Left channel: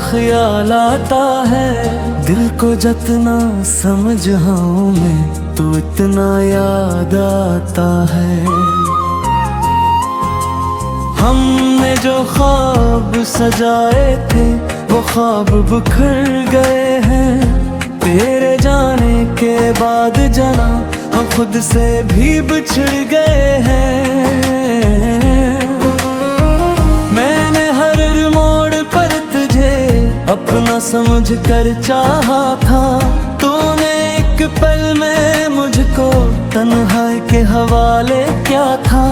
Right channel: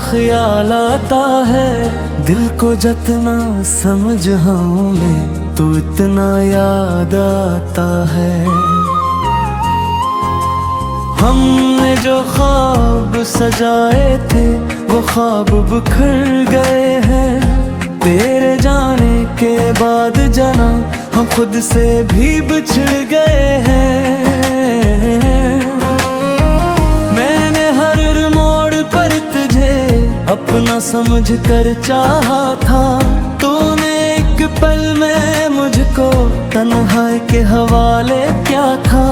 ख्याल आता है, दिल को जितना समझाऊं मैं तो इतना याद आता है। हमने जो ख्वाब सजाए थे वो ख्वाब बिखर गए हैं, तेरे जाने के बाद जाना हम खुद से भी बिछड़ गए हैं। मैंने हर मोड़ पर तुझे अपना समझ कर चाहा था, तूने एक पल में मुझको तन्हाई के हवाले क्या था।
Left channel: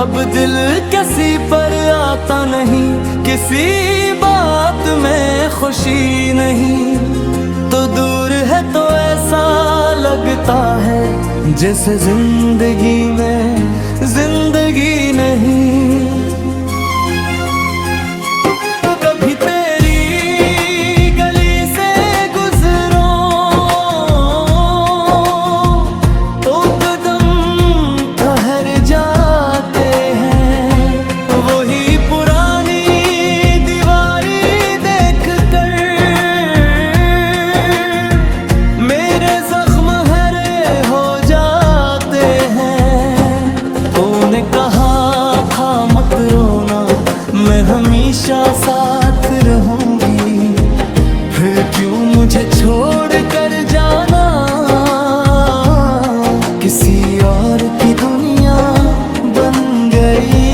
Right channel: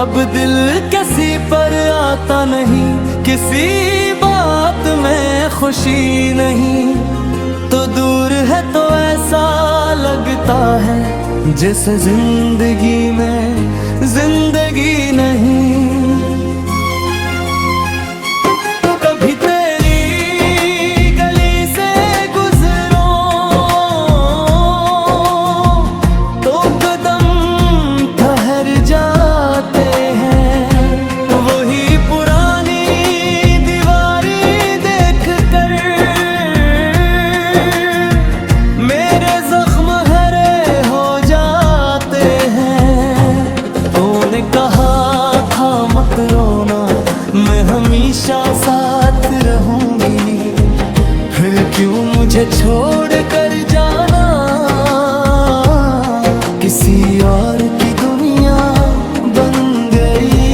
अब दिल किसी पर आता नहीं, किसी बात में खुशी नहीं, तो दूर है तो ऐसा लगता है जैसे जिंदगी में जिंदगी नहीं। कभी तेरी गली से गुजरो तो कदम ठहर जाते हैं, वही पुरानी दीवारी देख कर मेरे जख्म हरे हो जाते हैं। तूने कहा था मत रोना, मैं हमेशा साथ रहूंगी, फिर क्यों मुझे छोड़ कर जाना किसी और की दुनिया बन गई।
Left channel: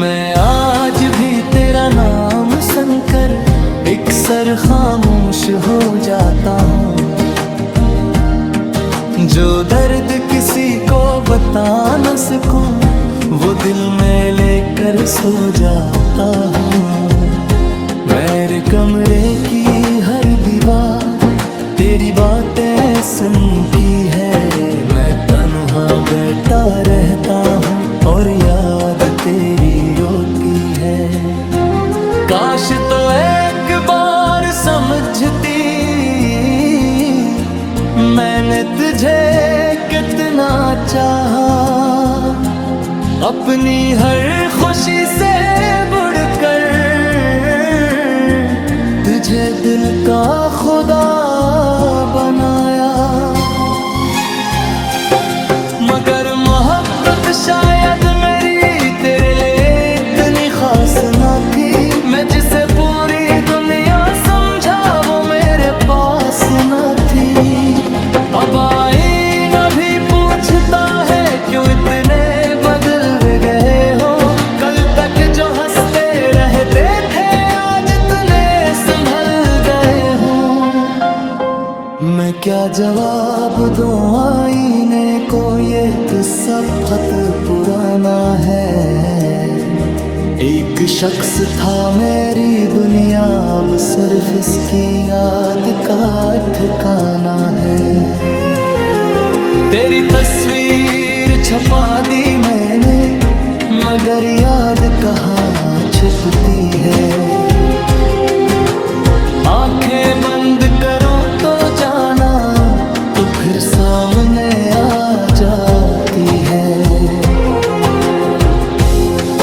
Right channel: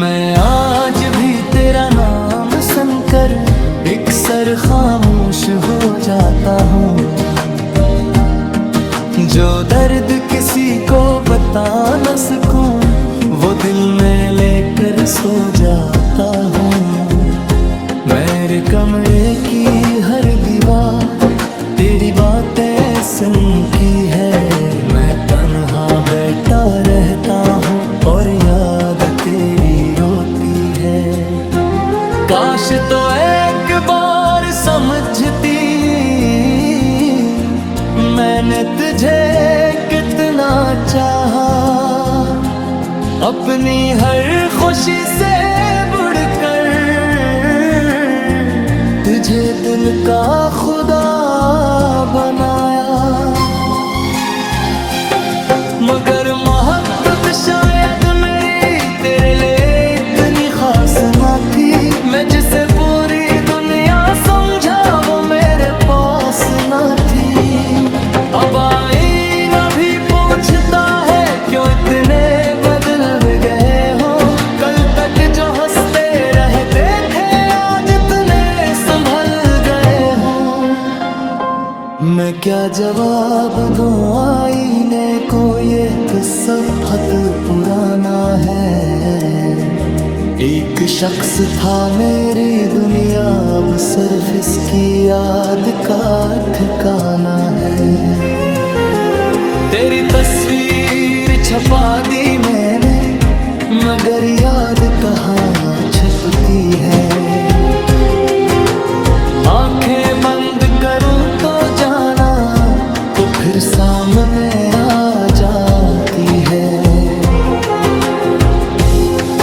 मैं आज भी तेरा नाम सुनकर अक्सर खामोश हो जाता हूँ, जो दर्द किसी को बता न सकूं वो दिल में लेकर सो जाता हूँ। मेरे कमरे की हर दीवार तेरी बातें सुन की है, मैं तन्हा बैठा रहता हूँ और याद तेरी रोती है। काश तो एक बार समझती मैंने तुझे कितना चाहा, अपनी हर खुशी से बढ़कर तुझे दिल का खुदा बनाया। मगर मोहब्बत शायद मेरी तेरे लिए इतनी खास ना थी, मैं जिसे पूरी दुनिया समझा वो मेरे पास ना थी। अब आईना भी पूछता है क्यों इतने बदल गए हो, कल तक जो हंसते रहते थे आज इतने संभल गए हो। मैं क्या जवाब दूं आईने को, ये किस्सा बहुत पुराना है। एक शख्स था मेरी दुनिया, अब सिर्फ इसकी याद का ठिकाना है। तेरी तस्वीर छपा दी मैंने, मगर याद कहाँ छुपती है। आंखें बंद करूं तो जाना तो फिर सामने आ जाती है।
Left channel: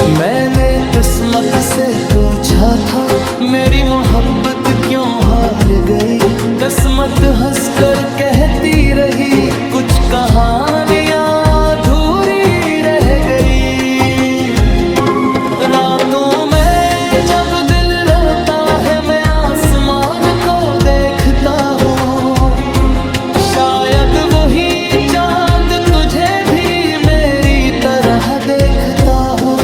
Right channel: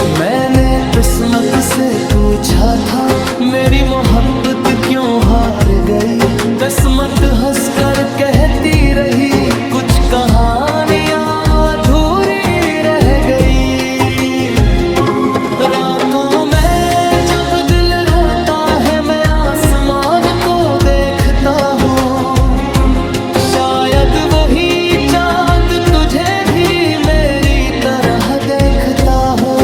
मैंने किस्मत से पूछा था मेरी मोहब्बत क्यों हार गई, किस्मत हंसकर कहती रही कुछ कहानियां अधूरी रह गई। रातों में जब दिल रोता है मैं आसमान को देखता हूँ, शायद वही चांद तुझे भी मेरी तरह देखता हो।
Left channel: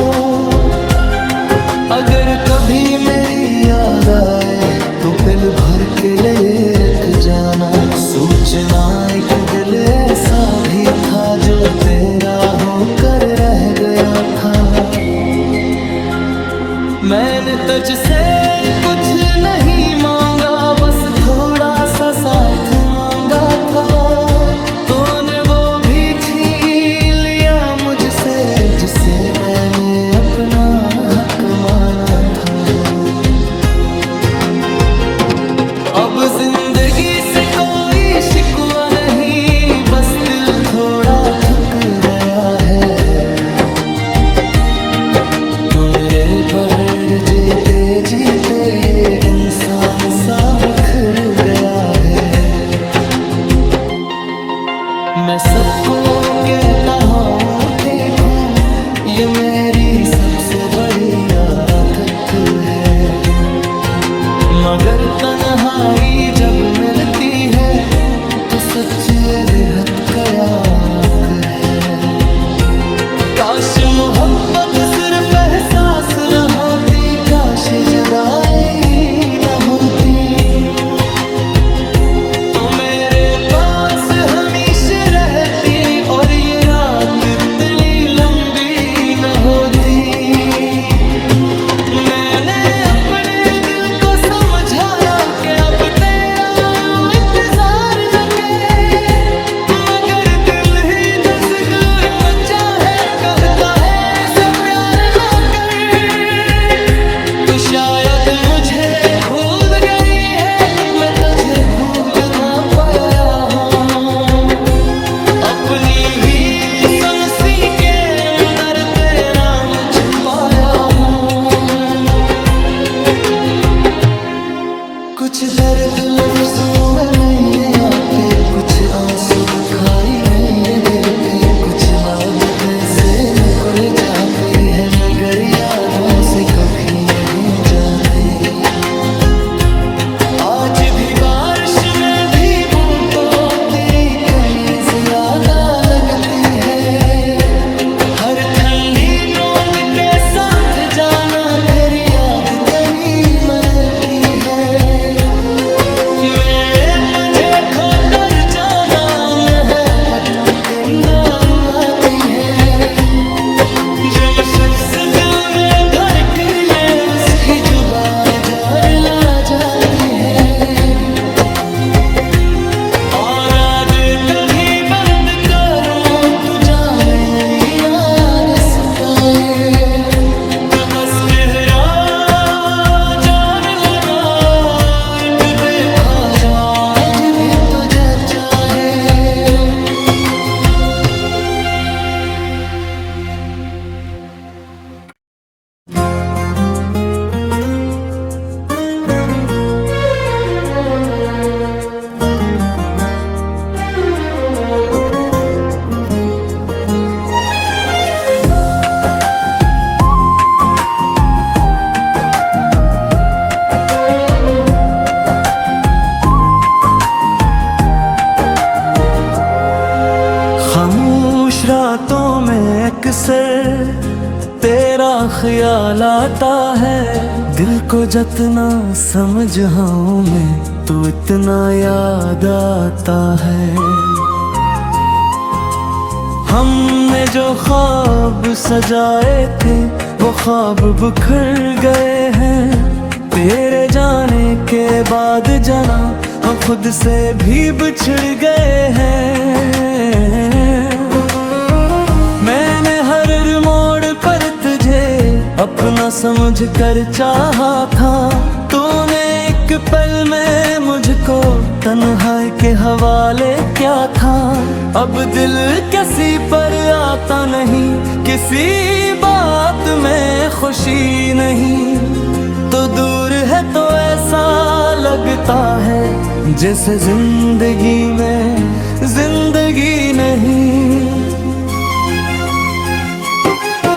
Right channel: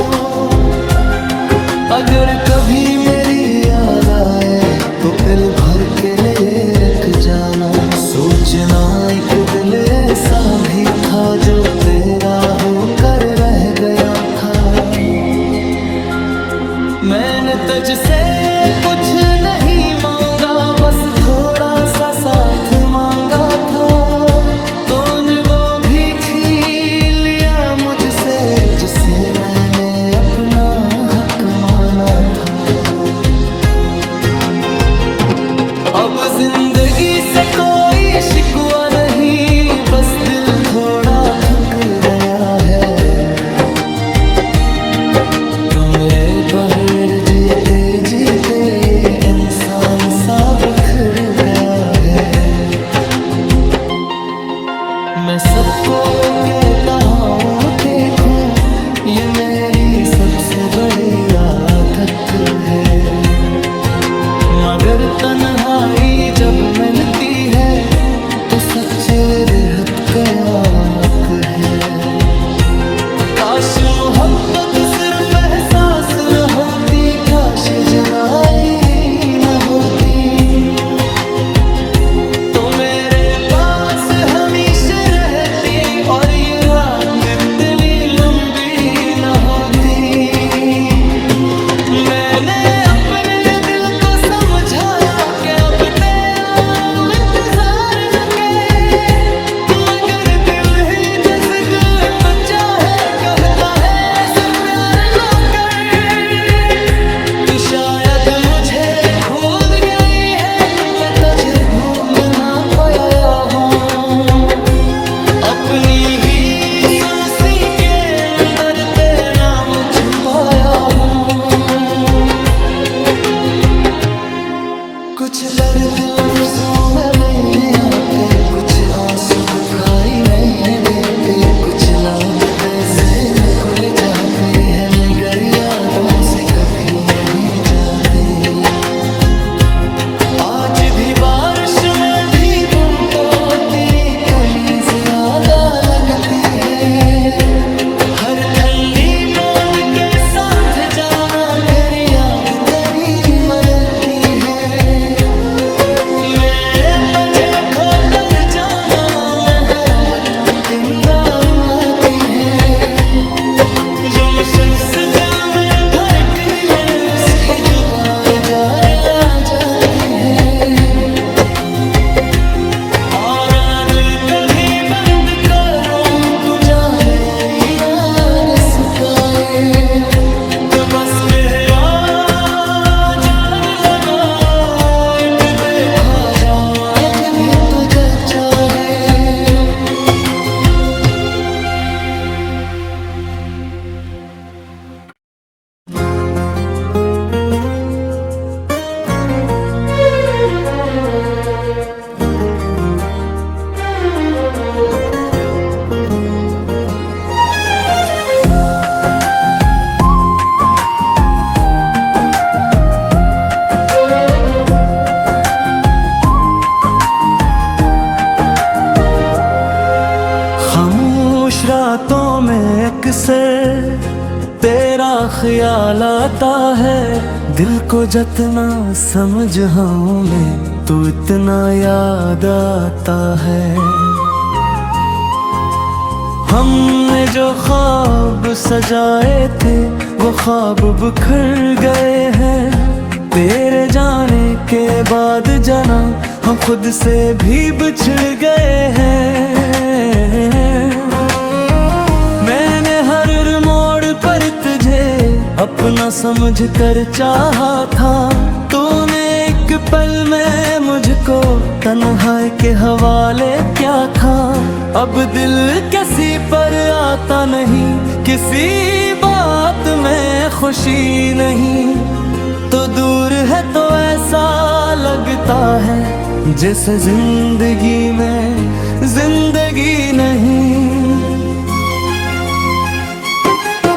अगर कभी मेरी याद आए तो पिल भर के लिए रख जाना, सोचना एक दिल ऐसा भी था जो तेरा होकर रह गया था। मैंने तुझसे कुछ नहीं मांगा, बस थोड़ा सा साथ मांगा था, तूने वो भी छीन लिया मुझसे जिसे मैंने अपना हक माना था। अब जिंदगी से कोई शिकवा नहीं, बस दिल थोड़ा थक गया है। मेरे बगैर जीते जीते ये इंसान सा बिखर गया है। मैं सबको कहता हूँ देखूं, ये मेरी सबसे बड़ी आदत है। मगर तन्हाई जब मिलती है तो सच बेहद कयाक है। काश मोहब्बत सिर्फ एहसास न होती, काश ये जुदाई न होती, तो मेरे पास हमेशा रहती और ये रात इतनी लंबी न होती। मैंने अपने दिल को समझाया कि अब तेरा इंतजार न करे, मगर दिल ही दस्तक मचा है, कहता है से प्यार न कर। तू शायद मुझे भूल गई है, मैं तुझे भूल ना पाया हूँ। अपनी ही सांसी के अंदर तेरा छुपाया हूँ। कुछ दर्द लफ्जों में नहीं आते, कुछ आंसू दिखाई नहीं देते, कुछ लापते से निकल जाते हैं मगर यादों से कभी नहीं जाते। आज भी बारिश में भीगूं तो तेरी कमी ज्यादा लगती है। हर ठंडी बूंद के साथ जाना तेरी याद तेरी मरती है। मैं तुझे खोकर जाना मोहब्बत आती है। जब शख्स दिल में भर के ले उसकी जुबान जार ला जाती है। और याद कभी बंद करूं तो जा मेरी याद सताए, तो बस गहरा जान लगा एक देखा जाऊं आज भी तुझे चाहे। खामोश रातों में अक्सर तेरा ख्याल आता है, दिल को जितना समझाऊं मैं तू इतना याद आता है। हमने जो ख्वाब सजाए थे वो ख्वाब बिखर गए हैं। तेरे जाने के बाद जाना हम खुद से भी बिछड़ गए हैं। मैंने हर मोड़ पर तुझे अपना समझ कर चाहा था, तूने एक पल में मुझको तन्हाई के हवाले क्या था। अब दिल किसी पर आता नहीं, किसी बात में खुशी नहीं, तो दूर है तो ऐसा लगता है जैसे जिंदगी में जिंदगी नहीं।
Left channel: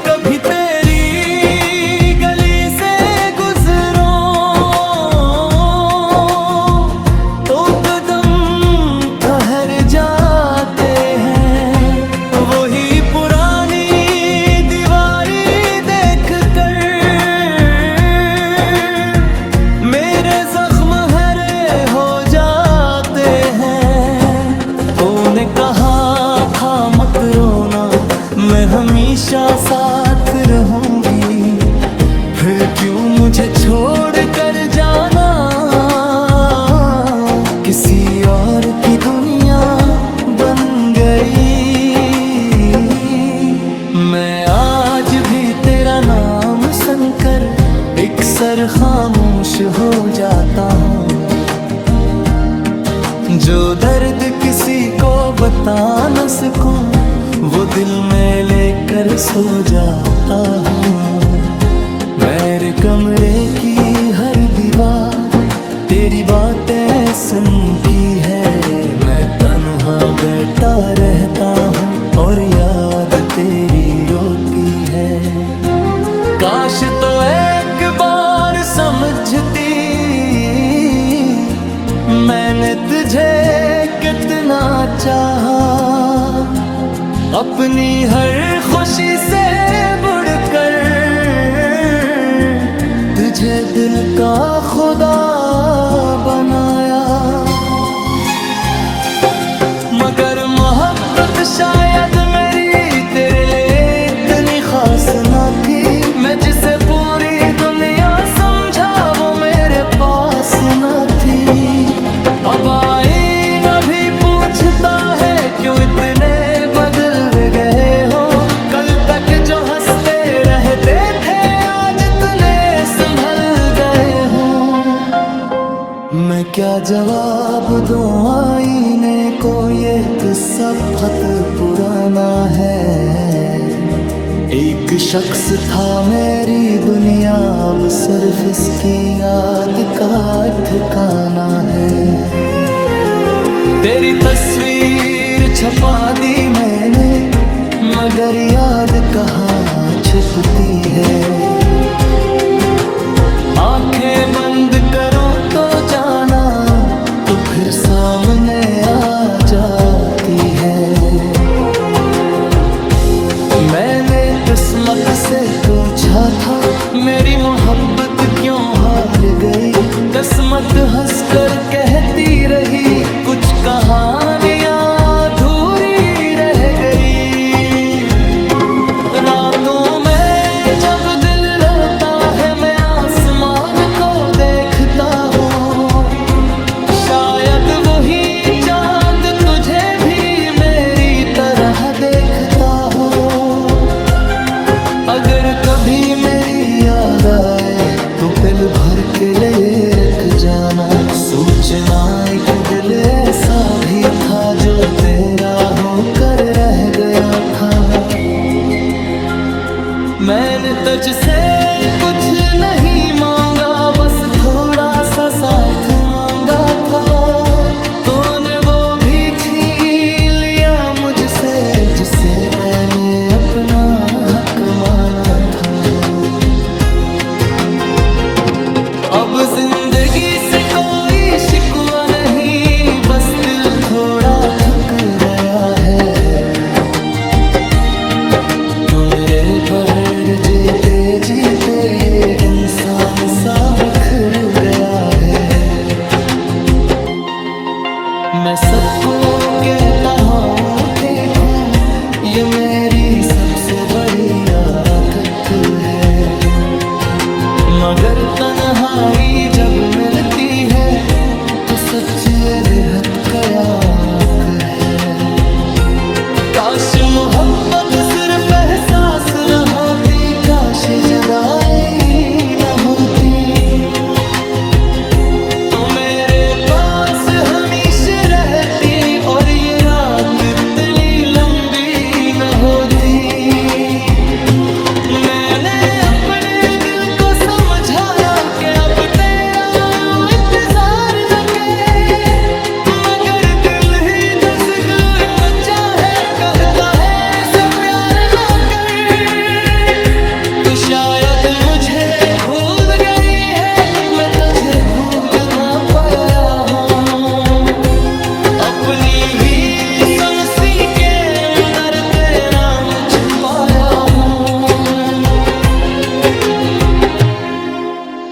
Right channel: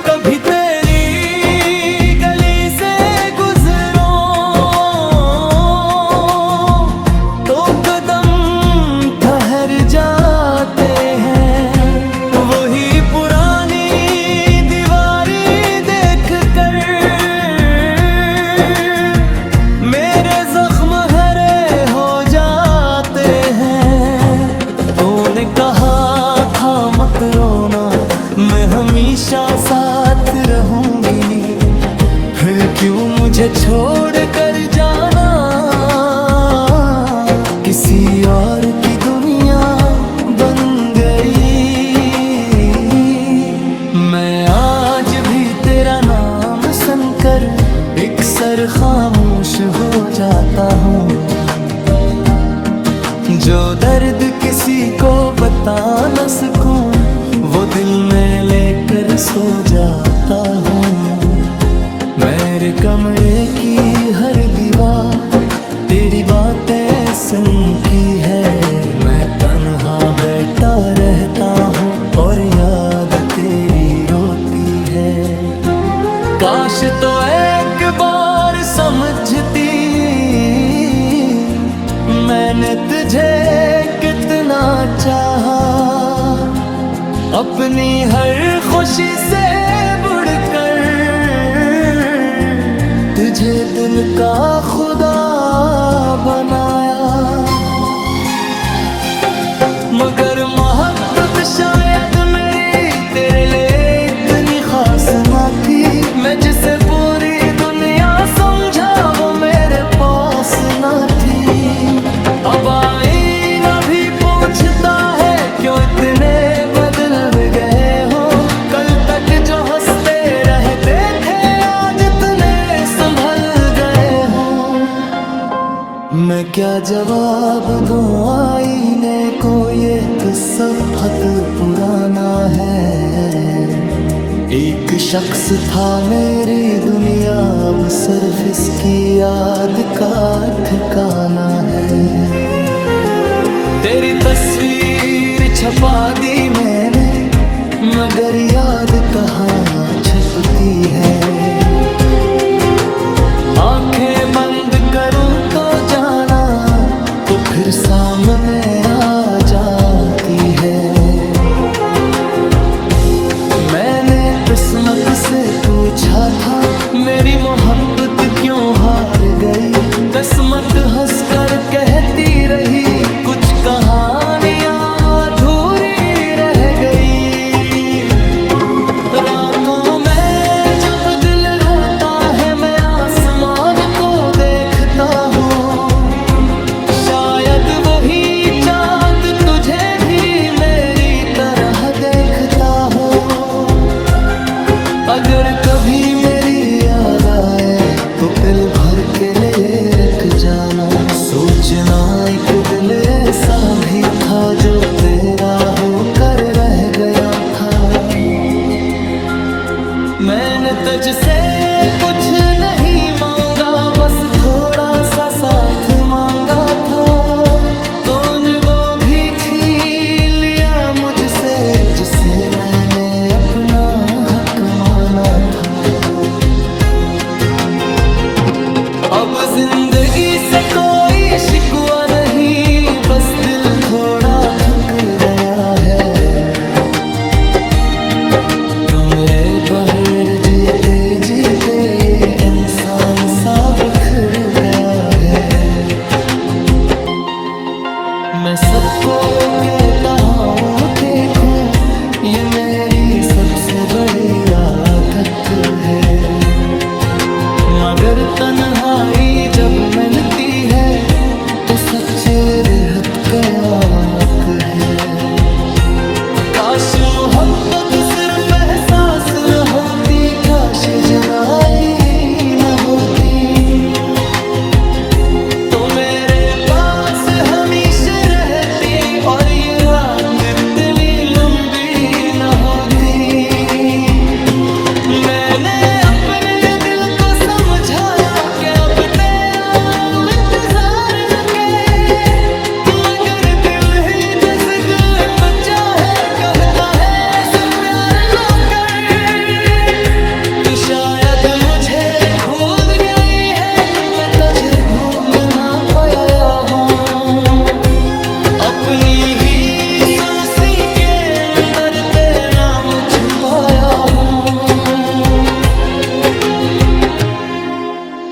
कभी तेरी गली से गुजरो तो कदम ठहर जाते हैं, वही पुरानी दीवारी देख कर मेरे जख्म हरे हो जाते हैं। तूने कहा था मत रोना, मैं हमेशा साथ रहूंगी, फिर क्यों मुझे छोड़ कर जाना। किसी और की दुनिया बन गई। मैं आज भी तेरा नाम सुनकर अक्सर खामोश हो जाता हूँ। जो दर्द किसी को बता न सकूं वो दिल में लेकर सो जाता हूँ। मेरे कमरे की हर दीवार तेरी बातें सुन की है। मैं तन्हा बैठा रहता हूँ और याद तेरी रोती है। काश तो एक बार समझती मैंने तुझे कितना चाहा। अपनी हर खुशी से बढ़कर तुझे दिल का खुदा बनाया। मगर मोहब्बत शायद मेरी तेरे लिए इतनी खास ना थी। मैं जिसे पूरी दुनिया समझा वो मेरे पास ना थी। अब आईना भी पूछता है क्यों इतने बदल गए हो। कल तक जो हंसते रहते थे आज इतने संभल गए हो। मैं क्या जवाब दूं आईने को, ये किस्सा बहुत पुराना है। एक शख्स था मेरी दुनिया, अब सिर्फ इसकी याद का ठिकाना है। तेरी तस्वीर छपा दी मैंने, मगर याद कहाँ छुपती है। आंखें बंद करूं तो जाना तो फिर सामने आ जाती है। मैंने किस्मत से पूछा था मेरी मोहब्बत क्यों हार गई। किस्मत हंसकर कहती रही कुछ कहानियां अधूरी रह गई। रातों में जब दिल रोता है मैं आसमान को देखता हूँ। शायद वही चांद तुझे भी मेरी तरह देखता हो। अगर कभी मेरी याद आए तो पिल भर के लिए रख जाना। सोचना एक दिल ऐसा भी था जो तेरा होकर रह गया था। मैंने तुझसे कुछ नहीं मांगा, बस थोड़ा सा साथ मांगा था। तूने वो भी छीन लिया मुझसे जिसे मैंने अपना हक माना था। अब जिंदगी से कोई शिकवा नहीं, बस दिल थोड़ा थक गया है। तू मेरे बगैर जीते जीते ये इंसान सा बिखर गया है। मैं सबको कहता हूँ ठीक हूँ, ये मेरी सबसे बड़ी आदत है। मगर तन्हाई जब मिलती है तो सच्चे बेहद कयाक है। काश मोहब्बत सिर्फ एहसास न होती, काश जुदाई न होती। तो मेरे पास हमेशा रहती और ये रात इतनी लंबी न होती। मैंने अपने दिल को समझाया कि अब तेरा इंतजार न करे, मगर दिल ही दस्तक मचा है, कहता है से प्यार न कर। तू शायद मुझे भूल गई है, मैं तुझे भूल ना पाया हूँ। अपनी ही समसी के अंदर तेरा मुझ छुपाया हूँ।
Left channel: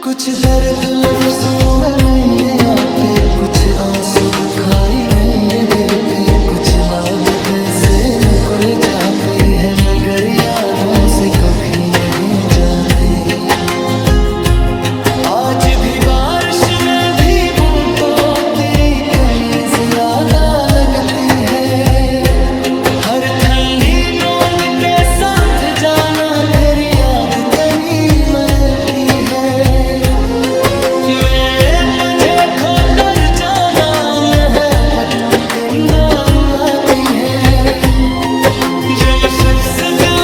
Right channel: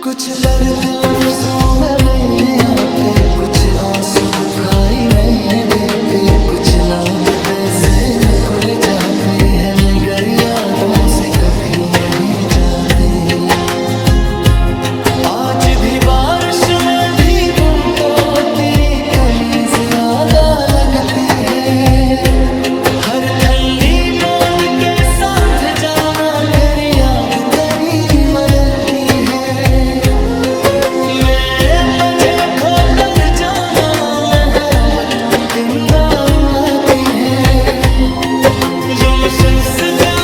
कुछ दर्द लफ्जों में नहीं आते, कुछ आंसू दिखाई नहीं देते, कुछ लागते से नकुल जाते हैं मगर यादों से कभी नहीं जाते। आज भी बारिश में भीगूं तो तेरी कमीज ज्यादा लगती है। हर ठंडी बूंद के साथ जाना तेरी याद तेरी मरती है। मैं तुझे खोकर जाना मोहब्बत जिंदा आती है। जब शख्स दिल